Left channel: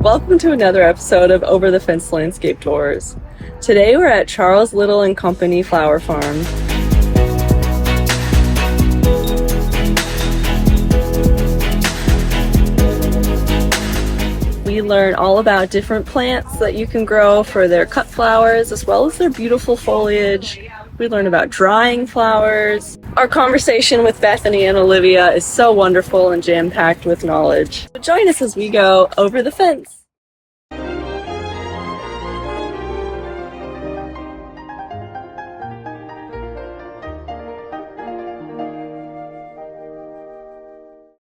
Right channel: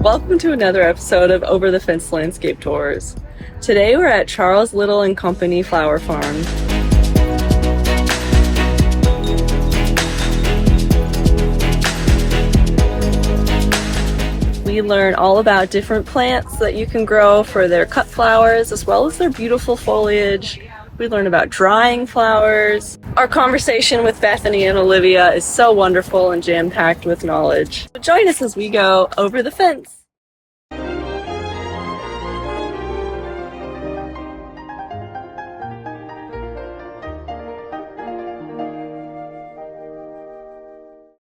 Welcome to another episode of Over the Fence Landscape Tours. Today we're at Charles Little and Company Flower Farm. We learn all about different plants that you can grow for their cut flowers as well as their beautiful foliage. We learn about drying flowers. Our conversation with Bethany and Olivia is so wonderful and jam-packed with knowledge. So join us as we go over the fence.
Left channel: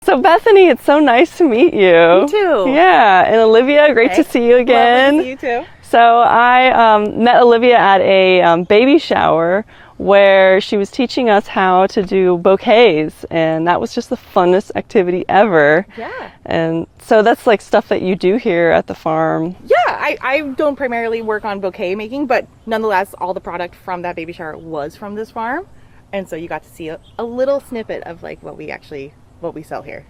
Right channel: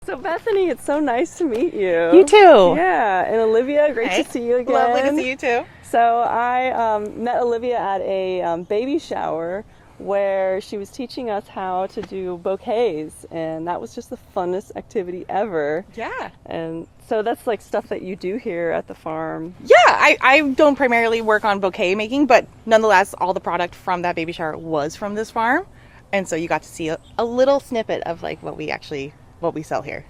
So Bethany, it's so nice to meet you. You too. Yeah, and Olivia, great to see you again. Lovely to see you too. So I met Olivia at a baby shower where she was teaching us how to do bouquets, and that was just the funnest activity ever. Yeah. And so that's like stuff that you do here at the farm. Yeah, I don't primarily work on bouquet making, but nonetheless, all the product from that baby shower was from this farm. And so you got to see a little snippet of like what we sell here.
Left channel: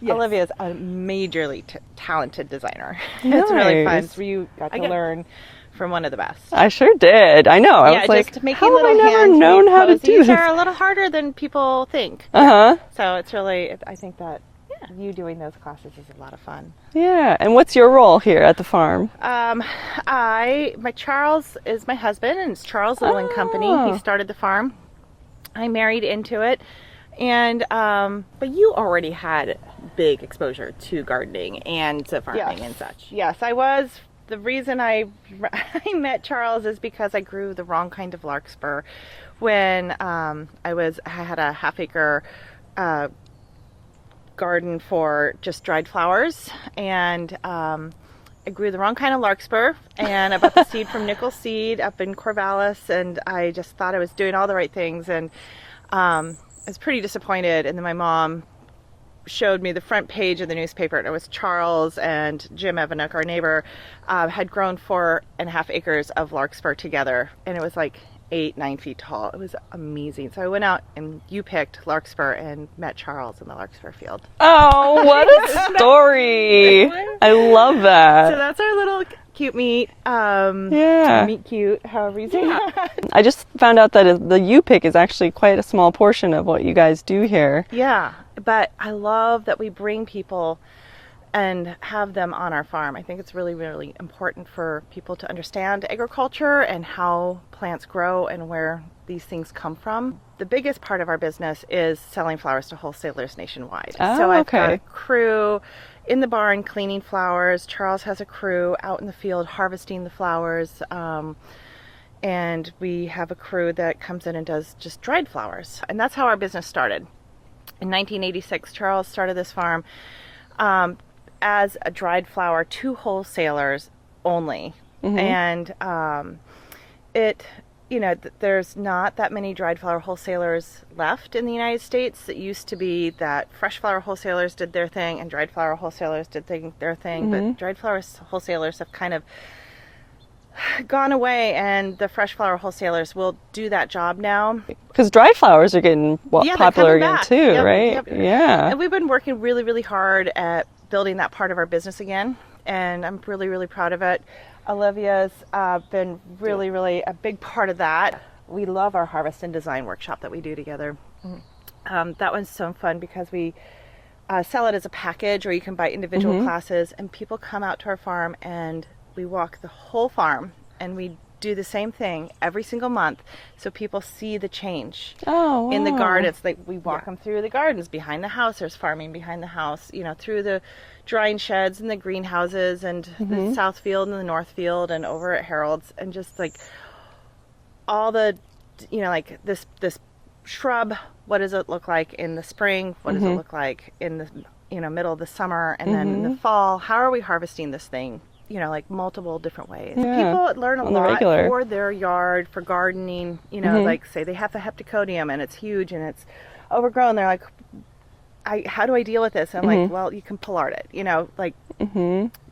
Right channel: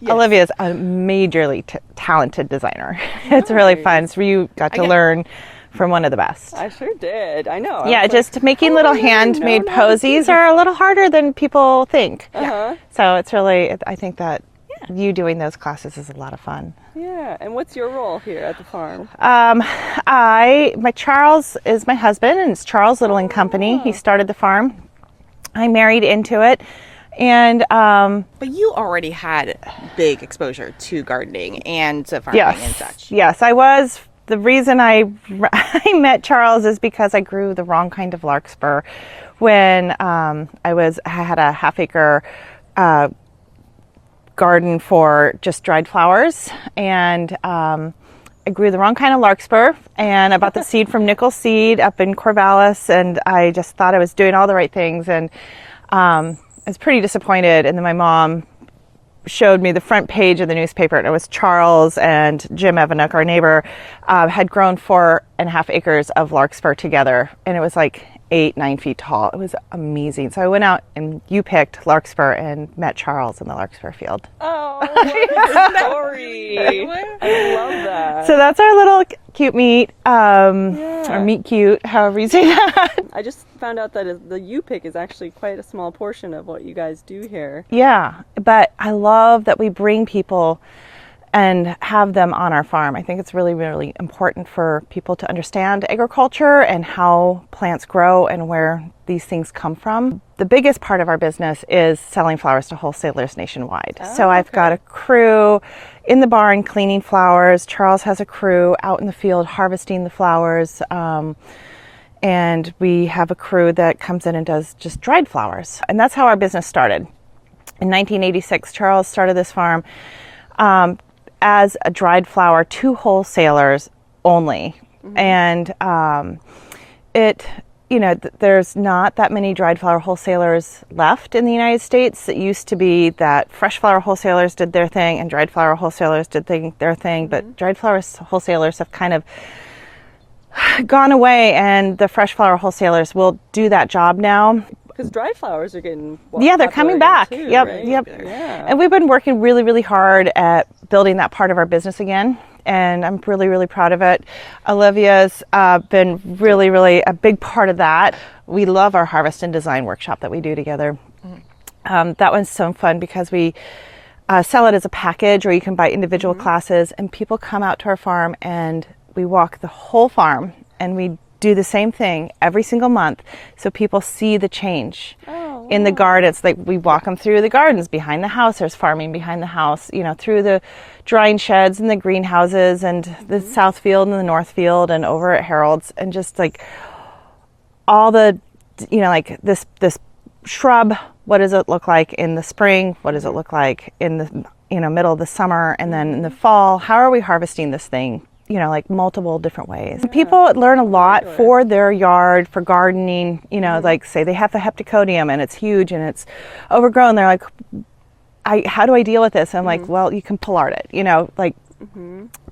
Yes. Olivia's a majorly talented designer. It's really fun. So you got to learn from one of the best. I sure did. I know. Yeah, just making little handmade posies are a little harder than people think. So it's really, I think that you doing those classes is a lot of fun. Yeah. And what's your role here at the farm? My Charles is my husband, and it's Charles Little and Company. He started the farm. I married into it. And but you already had big exposure to gardening and to farming and such. Yes, I was. The reason I met Charles is because I grew the wrong kind of larkspur when I had a half-acre garden for just dried flowers, and I grew the wrong kind of larkspur, and I bought the seed from Nickel Seed up in Corvallis, and I just thought I was doing all the right things, and I was pretty disappointed. And then my mom showed me the front page of the newspaper, and it was Charles and Jim Evanuk, our neighbor, had grown 4.5 acres of larkspur together, and it was like 8-9 feet tall. It was amazing. So I went out and you picked larkspur and met Charles in the larkspur field. Oh, what a story. I love that. So that's our little cute meet. Meet cute, however you say that. I just found out that the U-pick is actually quite a small portion of what you guys do here. Yeah, but I love that we bring people and have them on our farm. I think it's really, really important for people to understand agriculture and how plants grow and where these things come from. The biggest part of our business is selling flowers to wholesalers nationwide. So I've got a crew in the barn cleaning flowers. Charles has a crew out in the field harvesting the flowers. And we have a crew that comes in and does just dried flowers. And that's how our business started. In 1986, Charles started this farm as a dried flower to wholesalers only. And there's not that many dried flower wholesalers left in the United States. It used to be that fresh flower wholesalers did their thing and dried flower wholesalers did their thing, but dried flower wholesalers have kind of gone away, and the fresh flower wholesalers will do that job now. Because dried flowers are getting they're coming back too, right? Yeah. And we've been working really, really hard at building that part of our business again, and I'm really, really proud of it. Olivia's been really, really a big part of that. We love our harvest and design workshop that we do together. That one's so fun because we sell it as a package, or you can buy individual classes, and people come out to our farm and we walk the whole farm, and we do the same thing every single month, so people see the change in the gardens. Like, we walk them through the gardens behind the house. There's farming behind the house, through the drying sheds and the greenhouses and the south field and the north field and over at Harold's, and just like all the, like this shrub. What does it look like in the spring? What does it look like in the middle of the summer, and then in the fall? How are we harvesting this thing? Like multiple different ways. Yeah. People learn a lot for their yard, for gardening, like say they have the heptacodium and it's huge and it's overgrown. They're like, how do I deal with this? I'm like, well, you can pull art it,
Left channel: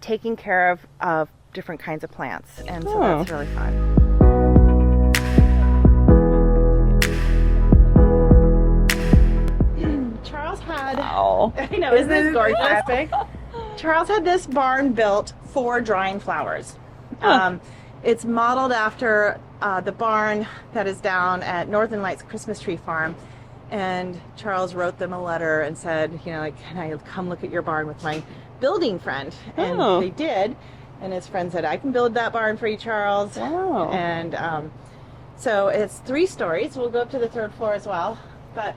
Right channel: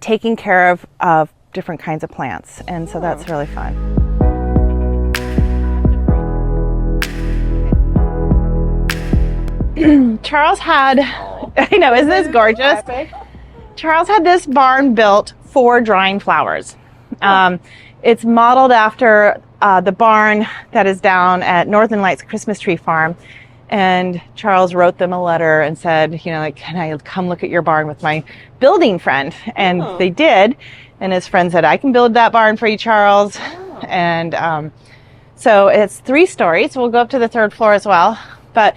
taking care of different kinds of plants. And so that's really fun. Charles had, I know, isn't this gorgeous? Charles had this barn built for drying flowers. It's modeled after the barn that is down at Northern Lights Christmas Tree Farm. And Charles wrote them a letter and said, you know, like, can I come look at your barn with my building friend? And they did. And his friend said, I can build that barn for you, Charles. And so it's 3 stories. We'll go up to the 3rd floor as well. But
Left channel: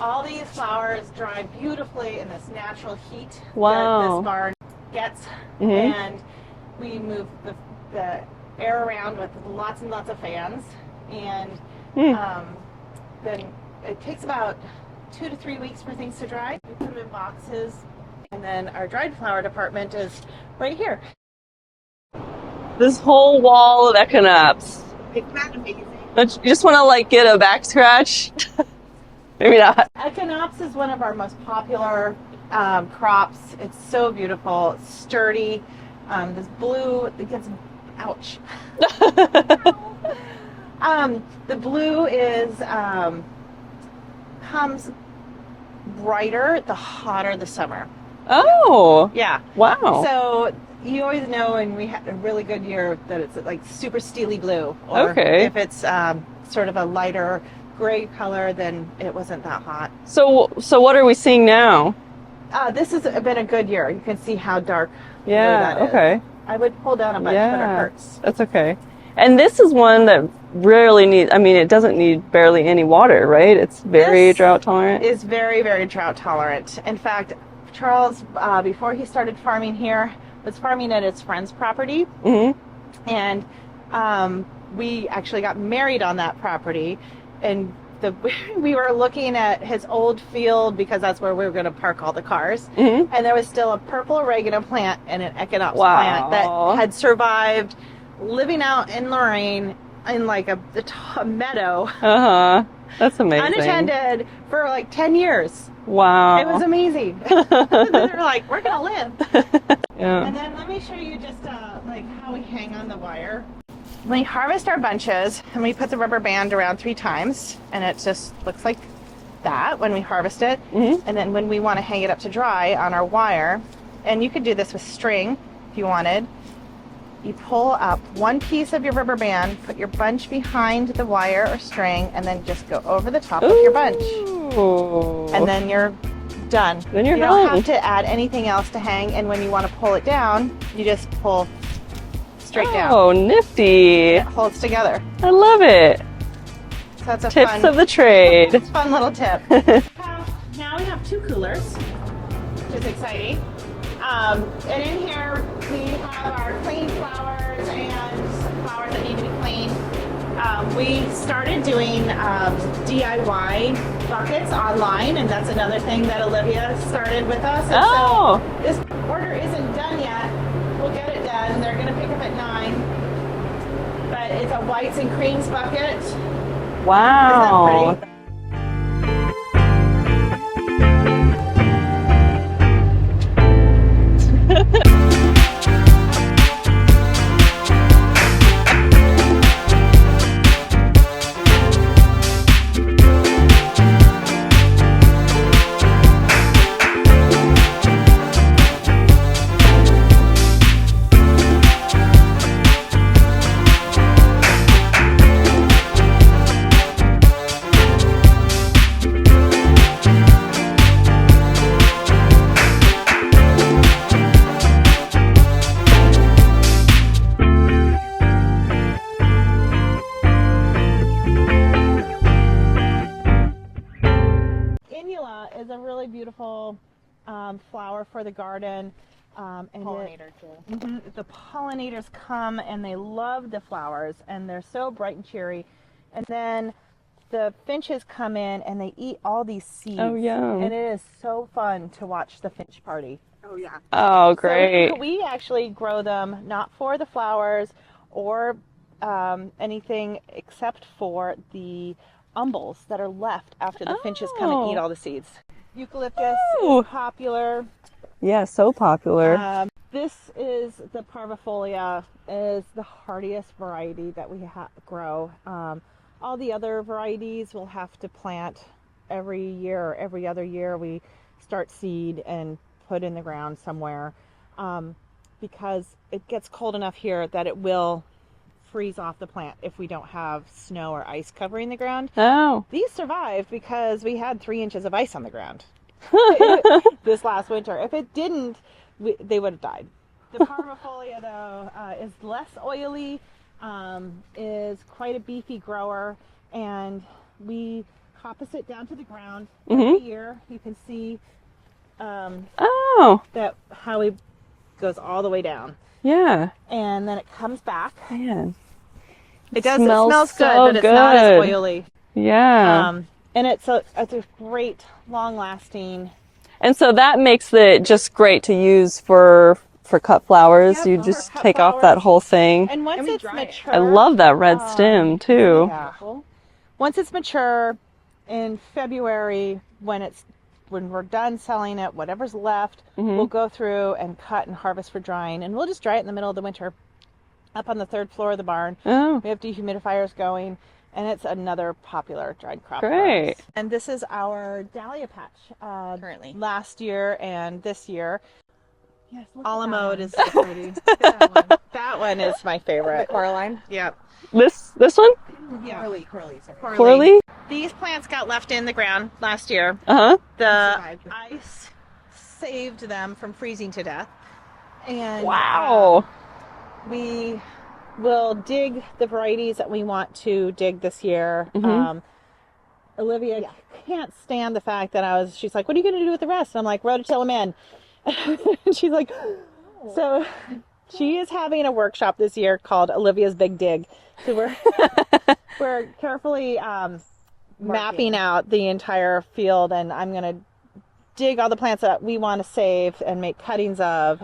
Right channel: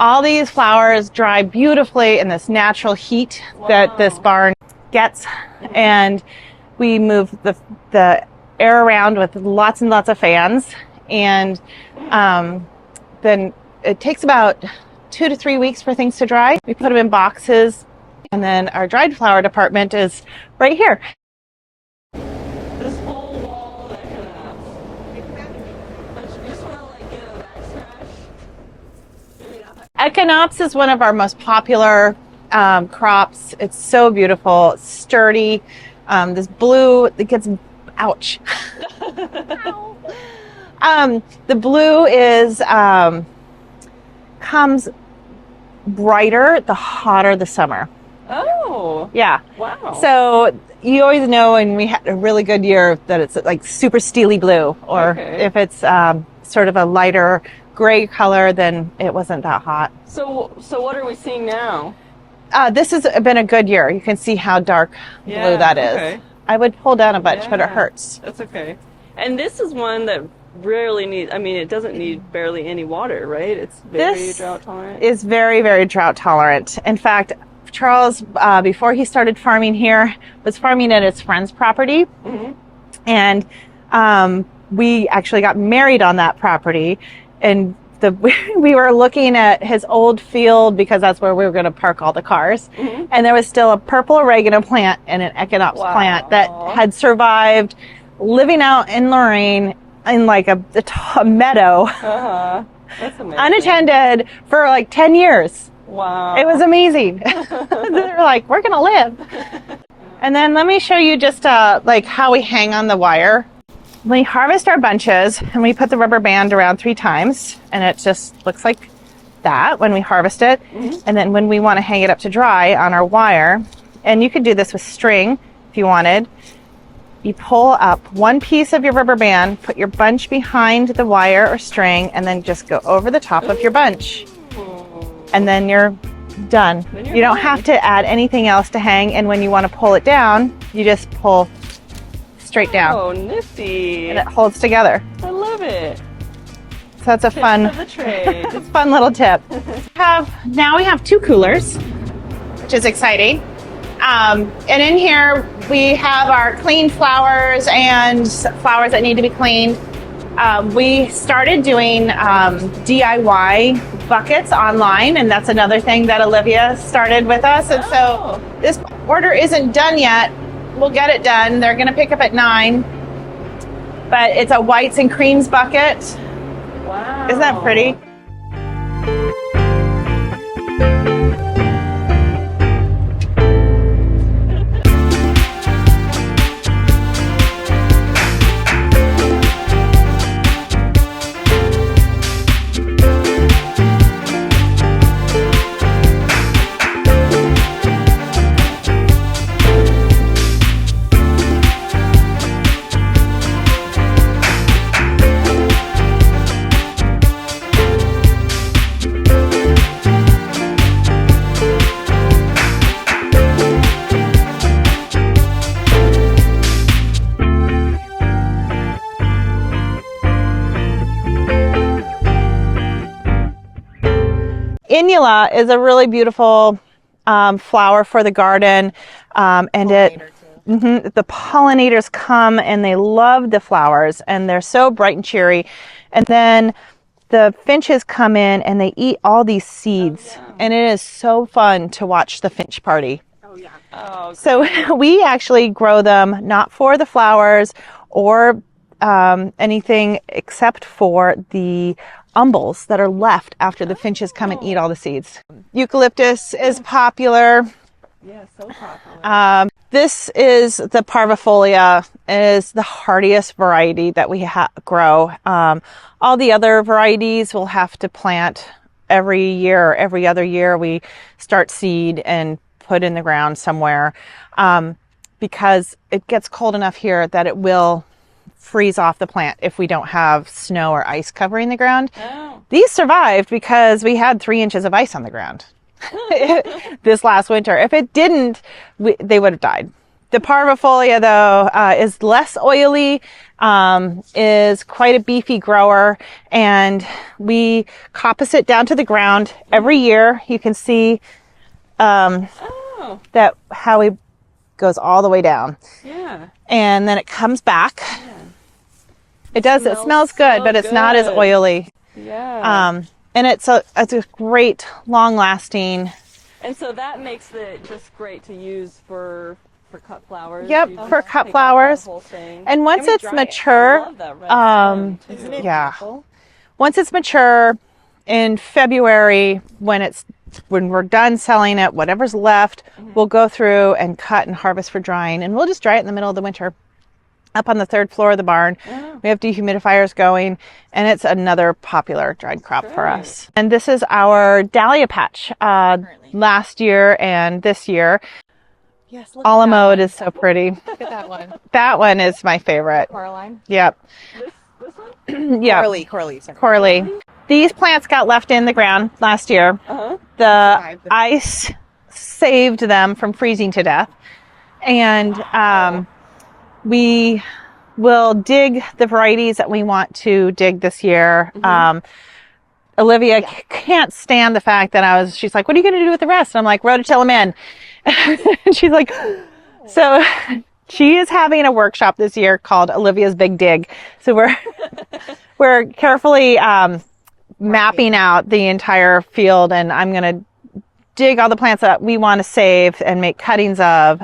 all these flowers dry beautifully in this natural heat that this barn gets. And we move the air around with lots and lots of fans. And then it takes about 2 to 3 weeks for things to dry. We put them in boxes, and then our dried flower department is right here. This whole wall of echinops. Don't you just want to like get a back scratch? Maybe not. Echinops is one of our most popular crops. It's so beautiful, it's sturdy. This blue, it gets, ouch. The blue is comes brighter the hotter the summer. Oh. Yeah. Wow. So you always know when we had a really good year that it's like super steely blue, or if it's sort of a lighter gray color, then it wasn't that hot. So what are we seeing now? This has been a good year. You can see how dark blue that is. Okay. I would pull down a bunch, but it hurts. That's okay. And this is one that rarely needs, I mean, it doesn't need barely any water, right? It's very drought tolerant. It's very, very drought tolerant. In fact, Charles, before he started farming here, was farming at his friend's property. And we actually got married on that property. And we were looking at his old field because that's where we were going to park all the cars. And there was still a purple oregano plant and an echinops plant that had survived living out in Lorraine in like a meadow. That's amazing. Unattended for like 10 years. Wow. It was amazing. They were like, we're going to live. And then let me show you just like how we hang on the wire. We harvest our bunches and we put the rubber band around 3 times, and it just looks like that when we harvest it. And then when we want to hang it up to dry on our wire, and you could do this with string if you wanted, you pull up one piece of your rubber band, put your bunch behind the wire or string, and then just go over the top of your bunch. And then you're done. You don't have to add anything else to hang, and when you want to pull it down, you just pull straight down. Oh, nifty. And it holds together. I love it. So that's a Tips of the trade. fun little tip. Now we have 2 coolers, which is exciting. And in here we have our clean flowers and flowers that need to be cleaned. We started doing DIY buckets online, and that's another thing that Olivia started with us. And so this order isn't done yet. We'll get it done. They're going to pick up at 9. But it's a whites and creams bucket. Wow. Isn't that pretty? Inula is a really beautiful flower for the garden, and the pollinators come and they love the flowers, and they're so bright and cheery. And then the finches come in and they eat all these seeds, and it is so fun to watch the finch party. Oh, great. So we actually grow them not for the flowers or anything except for the umbels that are left after the finches come and eat all the seeds. Eucalyptus is popular. Yeah, so popular. This is the parvifolia. It is the hardiest variety that we grow. All the other varieties we'll have to plant every year or every other year. We start seed and put in the ground somewhere. because it gets cold enough here that it will freeze off the plant if we don't have snow or ice covering the ground. Oh. These survived because we had 3 inches of ice on the ground this last winter. If it didn't, they would have died. The parvifolia, though, is less oily, is quite a beefy grower, and we coppice it down to the ground every year. You can see that how it goes all the way down. Yeah. And then it comes back. Yeah. It does. It smells good, so but it's not as good. oily. Yeah. And it's a great, long-lasting. And so that makes it just great to use for cut flowers. Yep, You for just cut take flowers. off that whole thing. And once it's I mature, love that red stem too. yeah. Once it's mature in February, when we're done selling it, whatever's left, we'll go through and cut and harvest for drying, and we'll just dry it in the middle of the winter. Up on the 3rd floor of the barn, we have dehumidifiers going, and it's another popular dried crop for us. And this is our dahlia patch last year and this year. Yes, look A la at that mode one. is so pretty. Look at that one. That one is my favorite. Coraline. Yep. This one? Yeah. Coralie. Sorry. Coralie. These plants got left in the ground last year. The ice saved them from freezing to death. And we will dig the varieties that we want to dig this year. Olivia can't stand the fact that she's like, what are you going to do with the rest? And I'm like, rototille them in. And she's like, so she is having a workshop this year called Olivia's Big Dig. So we're carefully mapping out the entire field, and I'm going to dig all the plants that we want to save and make cuttings of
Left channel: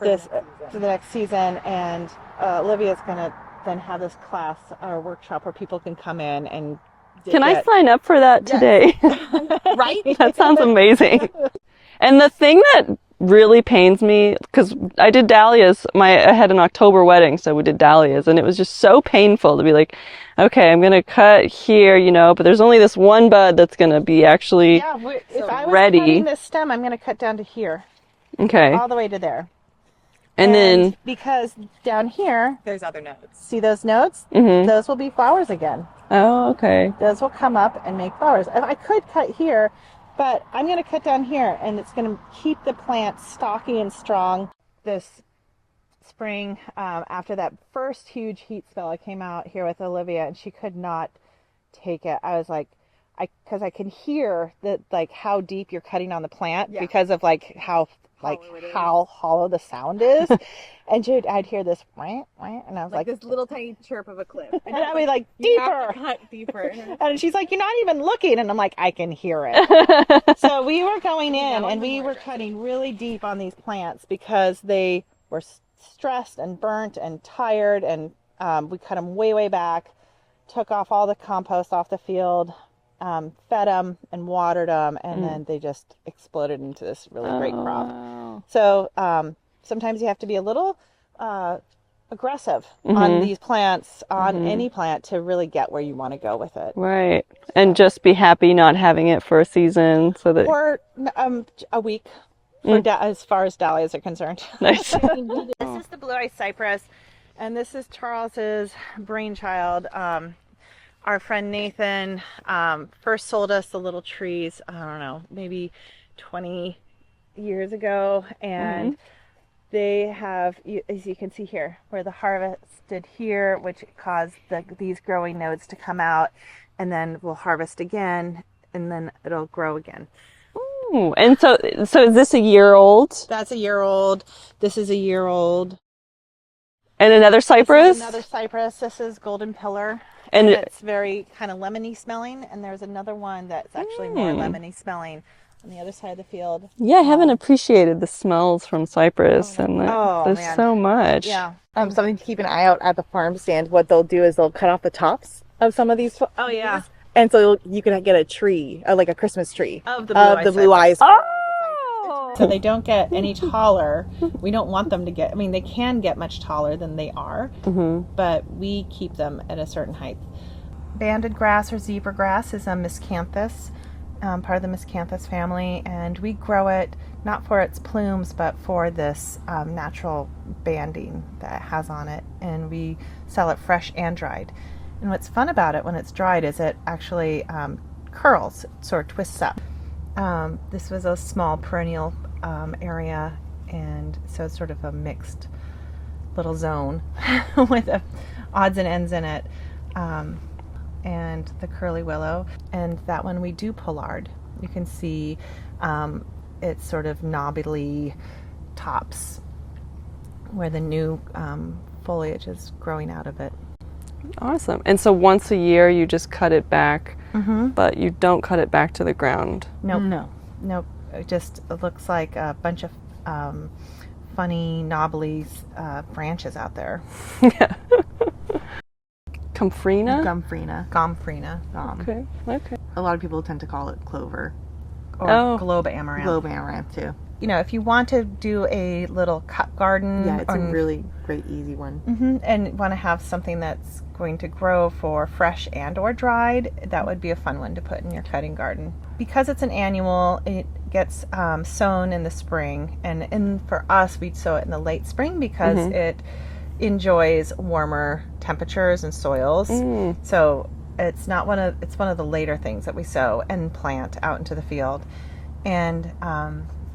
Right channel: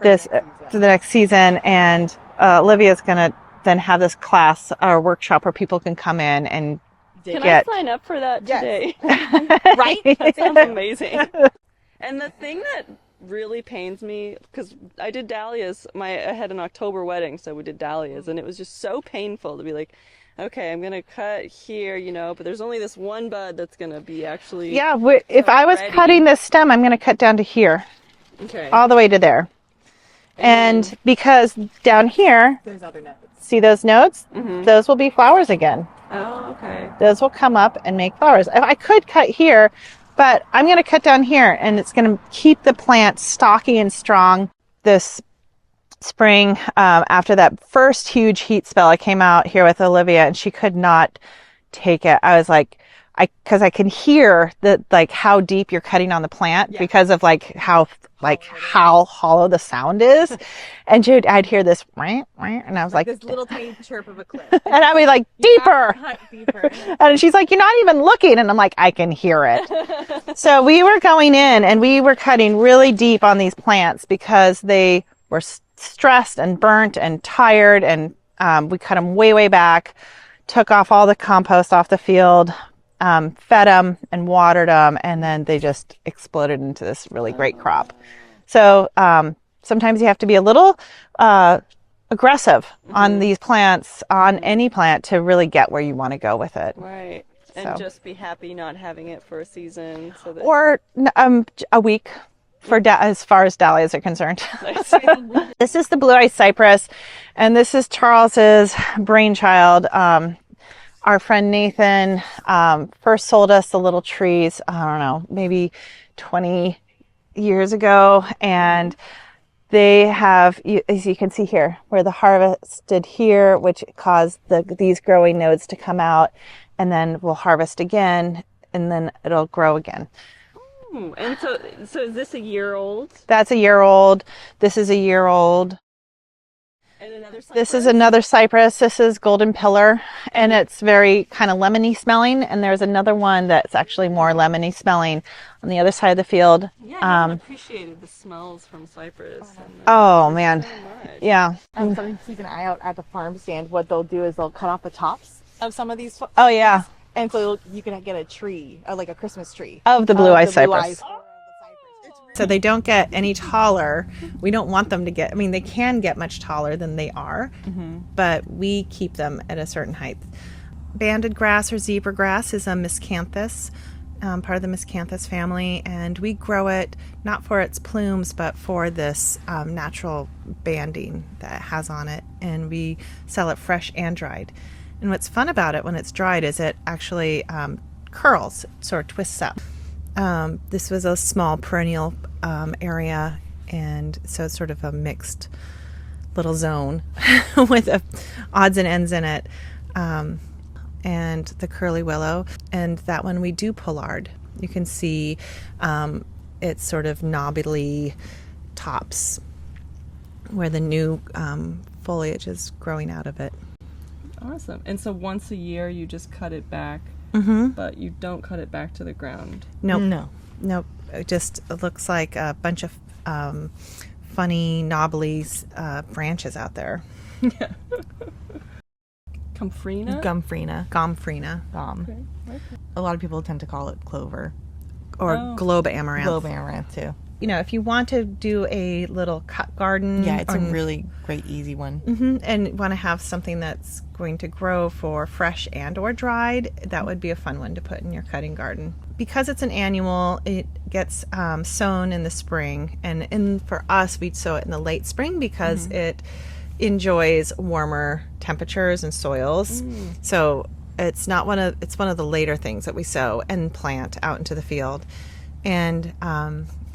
this for the next season. And Olivia's going to then have this class or workshop where people can come in and Can I sign up for that today? Right? That sounds amazing. And the thing that really pains me, because I did dahlias, I had an October wedding, so we did dahlias, and it was just so painful to be like, okay, I'm going to cut here, but there's only this one bud that's going to be actually if I was ready. cutting this stem, I'm going to cut down to here. Okay. All the way to there. And then, because down here, There's other notes. see those notes? Those will be flowers again. oh, okay. Those will come up and make flowers. I could cut here, but I'm going to cut down here, and it's going to keep the plant stocky and strong. This spring, after that first huge heat spell, I came out here with Olivia, and she could not take it. I was like, because I can hear that, like, how deep you're cutting on the plant because of how hollow the sound is. And I'd hear this, and I was like, This little tiny chirp of a clip. and I'd be like, deeper. Deeper. And she's like, you're not even looking. And I'm like, I can hear it. So we were going in and we were cutting really deep on these plants because they were stressed and burnt and tired. And we cut them way, way back, took off all the compost off the field, fed them and watered them. And then they just exploded into this really great crop. So sometimes you have to be a little aggressive on these plants, on any plant, to really get where you want to go with it. Right. And just be happy not having it for a season, so that Or a week for as far as dahlias are concerned. Nice. This is the blue ice cypress, and this is Charles's brainchild. Our friend Nathan first sold us the little trees, I don't know, maybe 20 years ago, and they have, as you can see here, where the harvested here, which caused these growing nodes to come out, and then we'll harvest again, and then it'll grow again. Ooh, and so is this a year old? That's a year old. This is a year old. And another cypress? This is another cypress. This is golden pillar, and it's very kind of lemony smelling. And there's another one that's actually more lemony smelling on the other side of the field. Yeah, I haven't appreciated the smells from cypress. Man, so much. Yeah. Something to keep an eye out at the farm stand. What they'll do is they'll cut off the tops of some of these. Oh yeah. And so you can get a tree, like a Christmas tree Of the blue ice cypress. Oh! So they don't get any taller. We don't want them to get, they can get much taller than they are, but we keep them at a certain height. Banded grass or zebra grass is a miscanthus, part of the miscanthus family, and we grow it not for its plumes but for this natural banding that it has on it, and we sell it fresh and dried. And what's fun about it when it's dried is it actually curls, sort of twists up. This was a small perennial area, and so it's sort of a mixed little zone with odds and ends in it. And the curly willow, and that one we do pollard. You can see it's sort of knobbly tops where the new foliage is growing out of it. Awesome. And so once a year you just cut it back, but you don't cut it back to the ground. No. It just looks like a bunch of funny knobbly branches out there. Yeah. Gomphrena? Gomphrena. Okay. A lot of people tend to call it clover. Or globe amaranth. Globe amaranth too. You know, if you want to do a little cut garden. Yeah, it's a really great, easy one. And want to have something that's going to grow for fresh and or dried, that would be a fun one to put in your cutting garden. Because it's an annual, it gets sown in the spring. And for us, we'd sow it in the late spring because it enjoys warmer temperatures and soils. So it's one of the later things that we sow and plant out into the field. And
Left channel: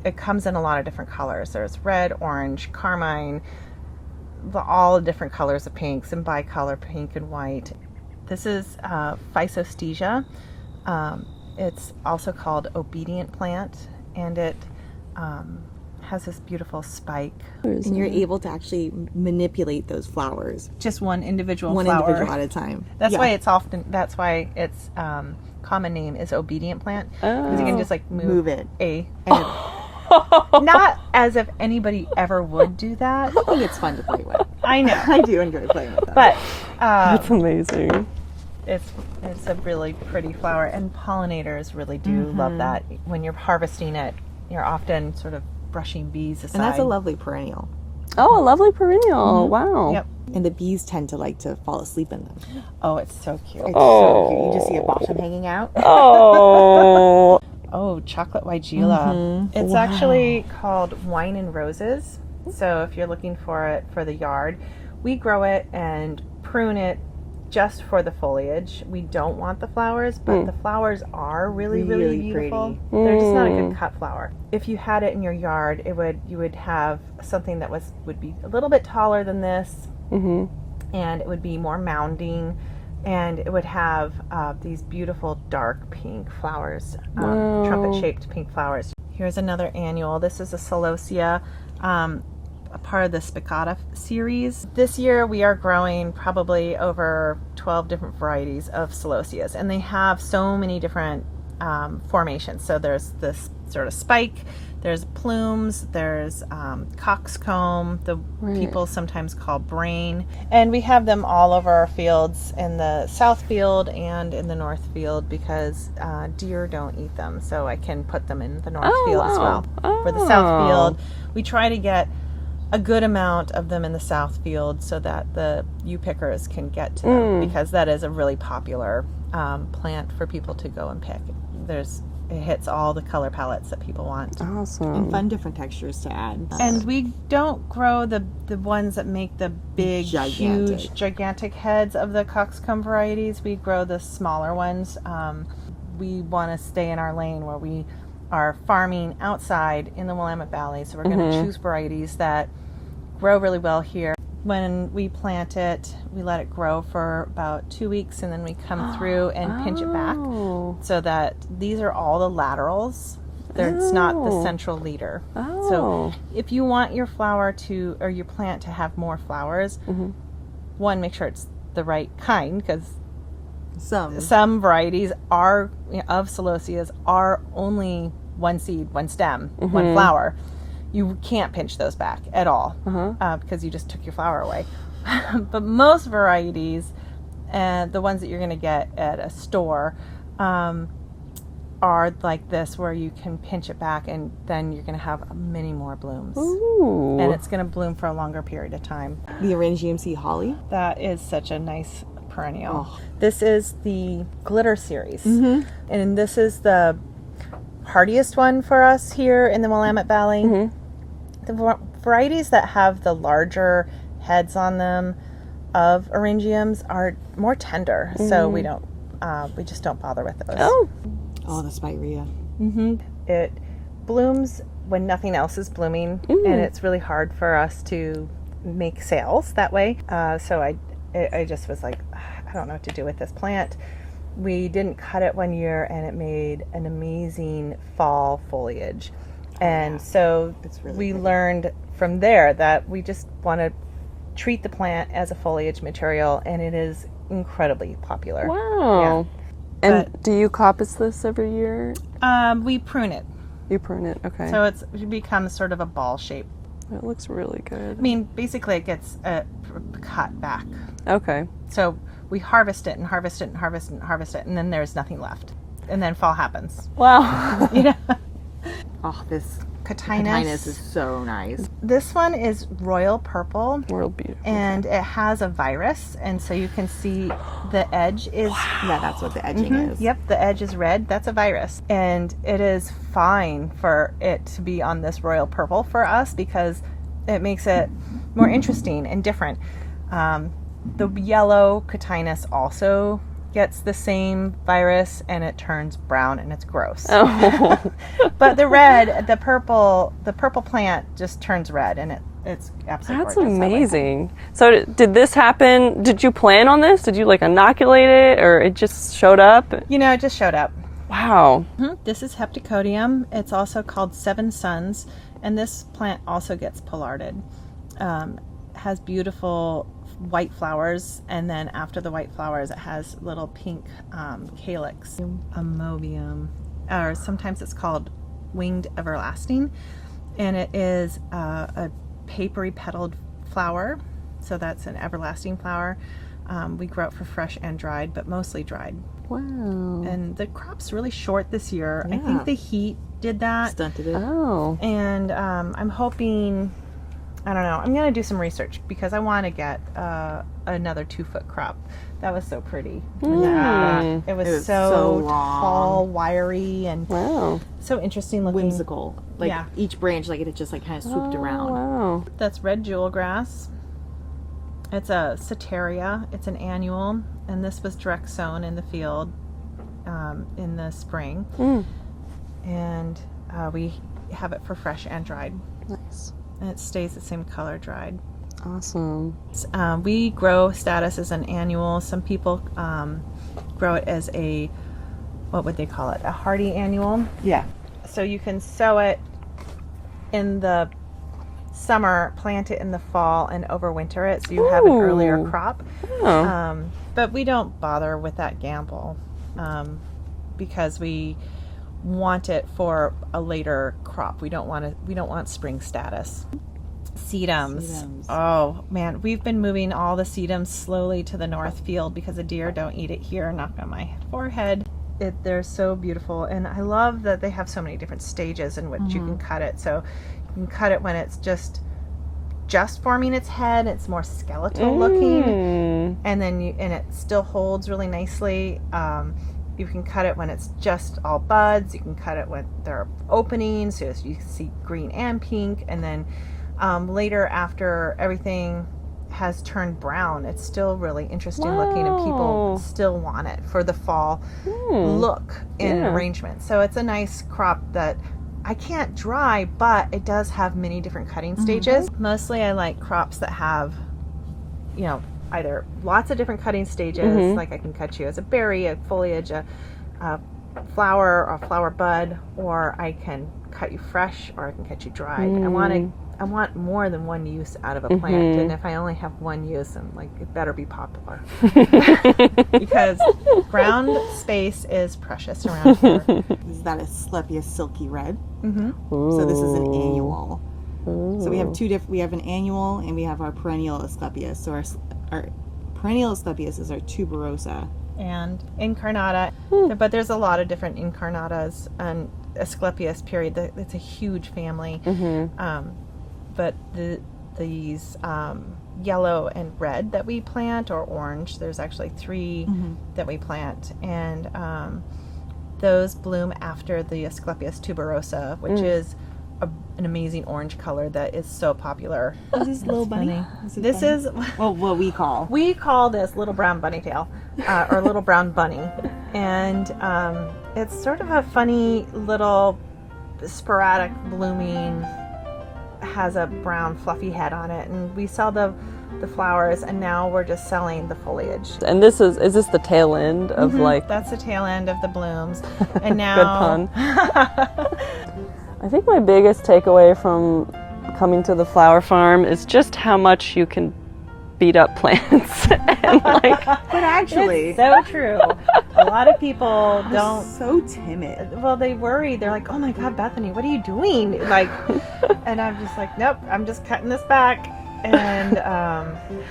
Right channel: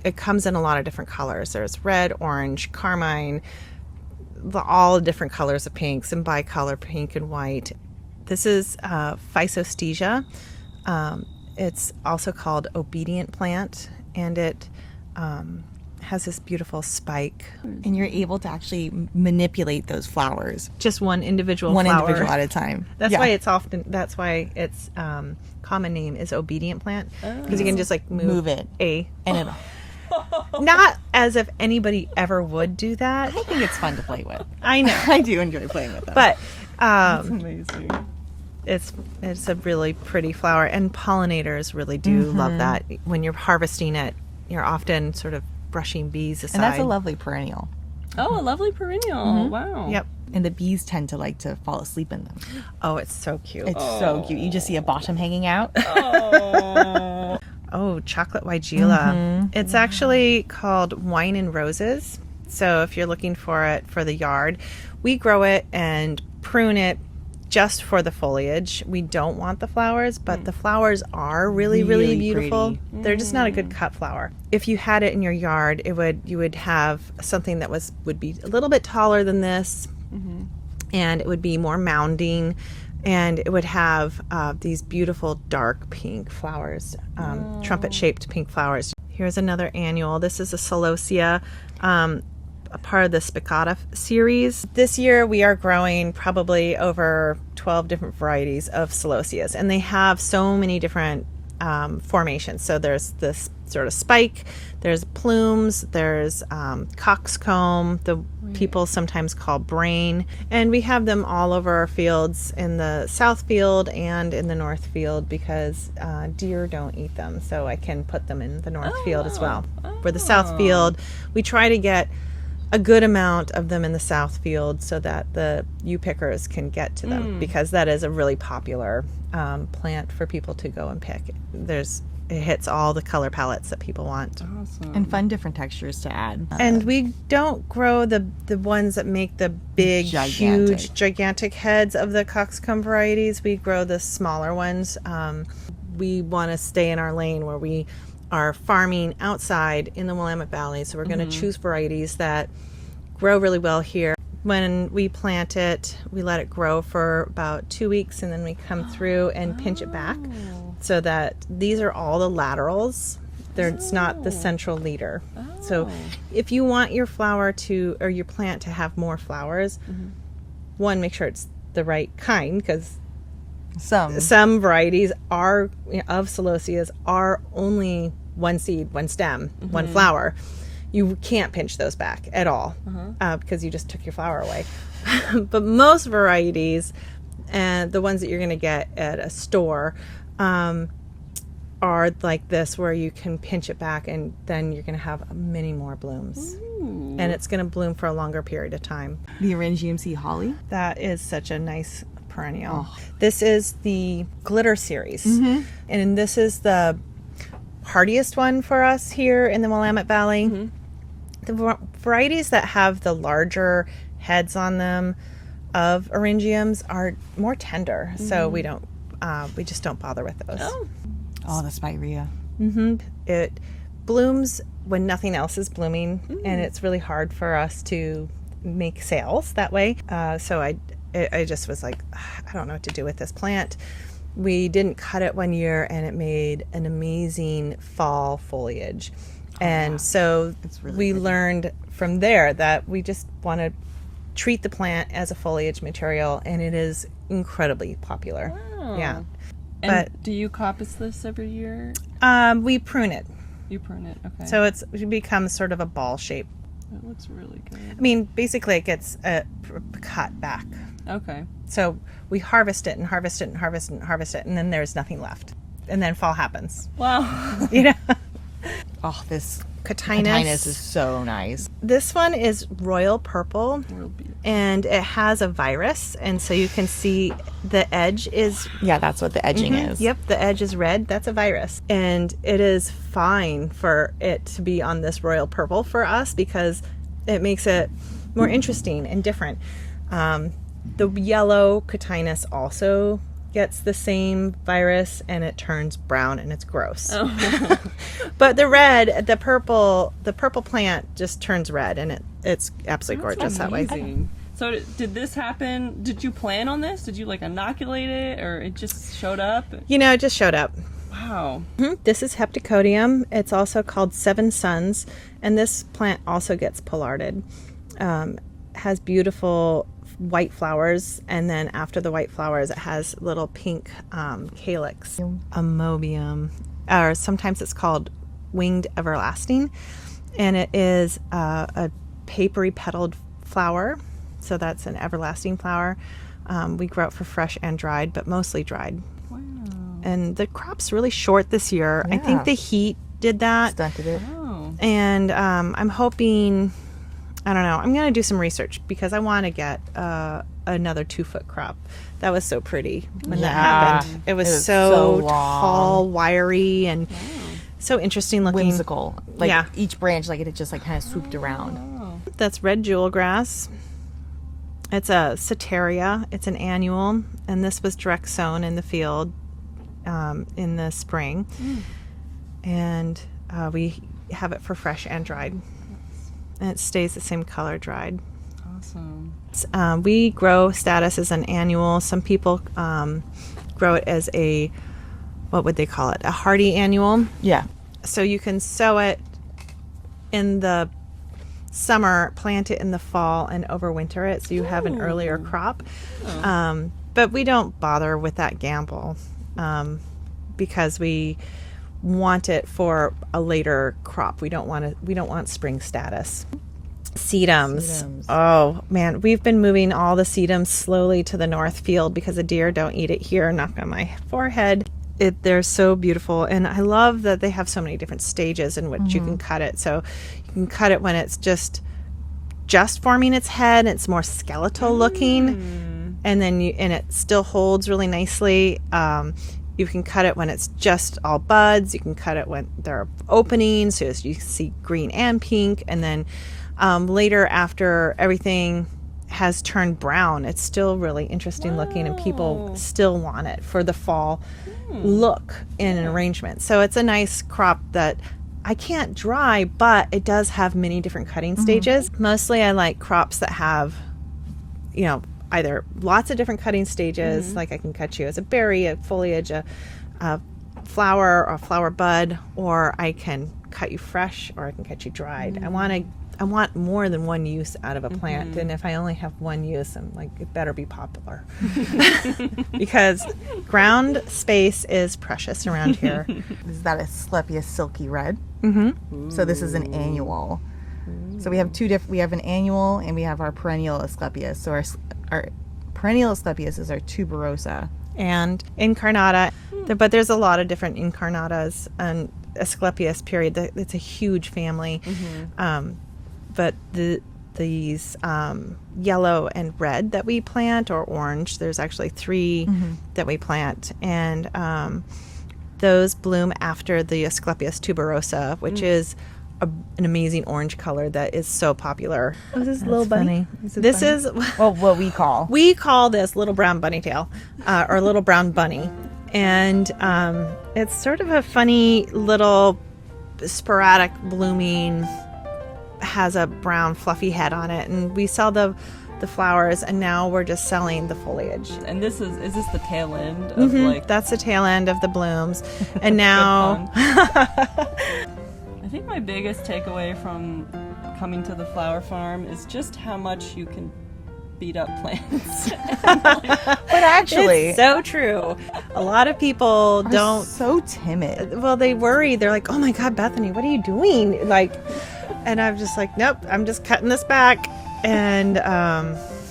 it comes in a lot of different colors. There's red, orange, carmine, all the different colors of pinks, and bicolor pink and white. This is Physostesia. It's also called obedient plant, and it has this beautiful spike. And you're able to actually manipulate those flowers. Just one individual One flower. individual at a time. That's why its common name is obedient plant, because you can just like move it. Not as if anybody ever would do that. I think it's fun to play with. I know. I do enjoy playing with them. But That's amazing. it's a really pretty flower, and pollinators really do love that. When you're harvesting it, you're often sort of brushing bees aside. And that's a lovely perennial. Oh, a lovely perennial. Wow. Yep. And the bees tend to like to fall asleep in them. Oh, it's so cute. It's so cute. You just see a bottom hanging out. Oh. Oh, chocolate Weigela. It's actually called Wine and Roses. So if you're looking for it for the yard, we grow it and prune it just for the foliage. We don't want the flowers, but the flowers are really, really beautiful. They're just not a good cut flower. If you had it in your yard, you would have something that would be a little bit taller than this, and it would be more mounding, and it would have these beautiful dark pink flowers, trumpet-shaped pink flowers. Here's another annual. This is a celosia, a part of the spicata series. This year we are growing probably over 12 different varieties of celosias, and they have so many different formations. So there's this sort of spike, there's plumes, there's coxcomb, people sometimes call brain, and we have them all over our fields in the south field and in the north field because deer don't eat them, so I can put them in the north field as well. For the south field, we try to get a good amount of them in the south field so that the U pickers can get to them, because that is a really popular plant for people to go and pick. It hits all the color palettes that people want. Awesome. And fun different textures to add. And we don't grow the ones that make the big, huge, gigantic heads of the coxcomb varieties. We grow the smaller ones. We want to stay in our lane where we are farming outside in the Willamette Valley, so we're going to choose varieties that grow really well here. When we plant it, we let it grow for about 2 weeks, and then we come through and pinch it back, so that these are all the laterals. It's not the central leader. So if you want your flower or your plant to have more flowers, one, make sure it's the right kind, because some varieties of celosias are only one seed, one stem, one flower. You can't pinch those back at all because you just took your flower away. But most varieties, the ones that you're going to get at a store, are like this, where you can pinch it back and then you're going to have many more blooms. Ooh. And it's going to bloom for a longer period of time. The Orangium sea holly. That is such a nice perennial. This is the glitter series, and this is the hardiest one for us here in the Willamette Valley. The varieties that have the larger heads on them of eryngiums are more tender, so we just don't bother with those. Oh, the spirea. It blooms when nothing else is blooming, and it's really hard for us to make sales that way. So I just was like, I don't know what to do with this plant. We didn't cut it one year, and it made an amazing fall foliage. And so we learned from there that we just want to treat the plant as a foliage material, and it is incredibly popular. Wow. Yeah. And do you coppice this every year? We prune it. You prune it, okay. So it becomes sort of a ball shape. That looks really good. I mean, basically it gets cut back. Okay. So we harvest it and harvest it and harvest it and harvest it, and then there's nothing left. And then fall happens. Wow. You know? Oh, this Cotinus is so nice. This one is royal purple. Real beautiful. And it has a virus, and so you can see the edge is... Yeah, that's what the edging is. Yep, the edge is red. That's a virus. And it is fine for it to be on this royal purple for us because it makes it more interesting and different. The yellow Cotinus also gets the same virus, and it turns brown, and it's gross. Oh. But the red, the purple plant just turns red, and it's absolutely gorgeous. That's amazing. So did this happen? Did you plan on this? Did you like inoculate it, or it just showed up? You know, it just showed up. Wow. This is Heptacodium. It's also called Seven Suns, and this plant also gets pollarded. Has beautiful white flowers, and then after the white flowers it has little pink calyx. Amobium, or sometimes it's called winged everlasting, and it is a papery petaled flower, so that's an everlasting flower. We grow it for fresh and dried, but mostly dried. Wow. And the crop's really short this year. Yeah. I think the heat did that. Stunted it. Oh. And I'm hoping, I don't know, I'm going to do some research because I want to get another 2-foot crop. That was so pretty when that happened. It was so long. tall, wiry, and so interesting looking. Whimsical. Like Yeah. each branch, like it just like kind of swooped around. Wow. That's red jewel grass. It's a Soteria. It's an annual, and this was direct sown in the field in the spring. And we have it for fresh and dried. Nice. And it stays the same color dried. Awesome. We grow Status as an annual. Some people grow it as a, what would they call it? A hardy annual. Yeah. So you can sow it in the summer, plant it in the fall, and overwinter it, so you have an earlier crop. Oh. But we don't bother with that gamble because we want it for a later crop. We don't want spring Status. Sedums. Oh man, we've been moving all the sedums slowly to the north field because the deer don't eat it here. Knock on my forehead. They're so beautiful, and I love that they have so many different stages in which you can cut it. So you can cut it when it's just forming its head. It's more skeletal looking, and then it still holds really nicely. You can cut it when it's just all buds. You can cut it when there are openings, so you see green and pink, and then later, after everything has turned brown, it's still really interesting looking, and people still want it for the fall look in arrangement. So it's a nice crop that I can't dry, but it does have many different cutting stages. Mostly I like crops that have, you know, either lots of different cutting stages, like I can cut you as a berry, a foliage, a flower, or a flower bud, or I can cut you fresh, or I can cut you dried. I want more than one use out of a plant, and if I only have one use, I'm like, it better be popular. Because ground space is precious around here. Is that a Asclepias silky red? So this is an annual. So we have two different. We have an annual, and we have our perennial Asclepias. So our perennial Asclepias is our tuberosa. And incarnata, but there's a lot of different incarnatas and Asclepias period. It's a huge family. But these yellow and red that we plant, or orange, there's actually 3 that we plant, and those bloom after the Asclepias tuberosa, which is an amazing orange color that is so popular. Is this little bunny? This is well, what we call this little brown bunny tail, or little brown bunny, and it's sort of a funny little sporadic blooming, has a brown fluffy head on it, and we sell the flowers, and now we're just selling the foliage. And is this the tail end of like? That's the tail end of the blooms, and now. I think my biggest takeaway from coming to the flower farm is just how much you can beat up plants. And like, but actually, it's so true. A lot of people don't. So timid. Well, they worry. They're like, "Oh my God, Bethany, what are you doing?" Like, and I'm just like, "Nope, I'm just cutting this back." And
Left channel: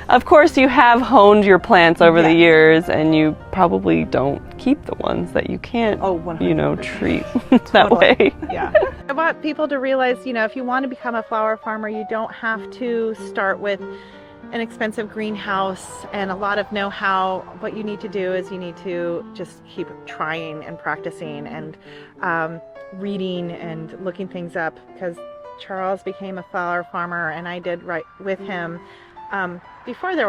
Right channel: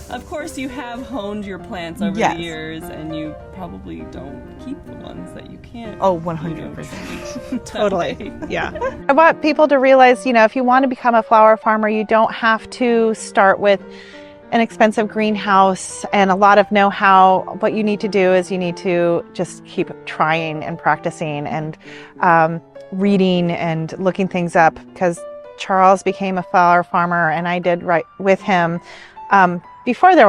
of course, you have honed your plants over the Yes. years, and you probably don't keep the ones that you can't, 100%. treat that way. yeah. I want people to realize, if you want to become a flower farmer, you don't have to start with an expensive greenhouse and a lot of know-how. What you need to do is you need to just keep trying and practicing and reading and looking things up, because Charles became a flower farmer and I did right with him before the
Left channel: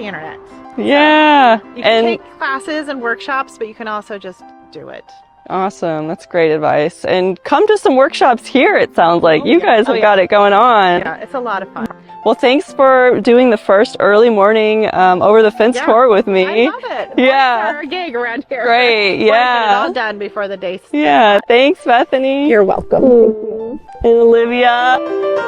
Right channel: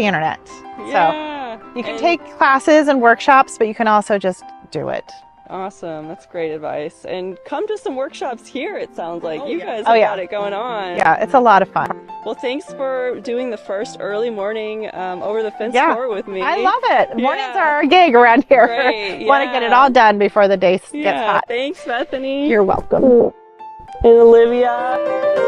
internet. Yeah. So you can take classes and workshops, but you can also just do it. Awesome. That's great advice. And come to some workshops here, it sounds like. You guys have got it going on. Yeah, it's a lot of fun. Well, thanks for doing the first early morning over the fence tour with me. I love it. Mornings Yeah. are our gig around here. Great, Want to get it yeah. all done before the day gets Yeah. hot. Thanks, Bethany. You're welcome. And Olivia.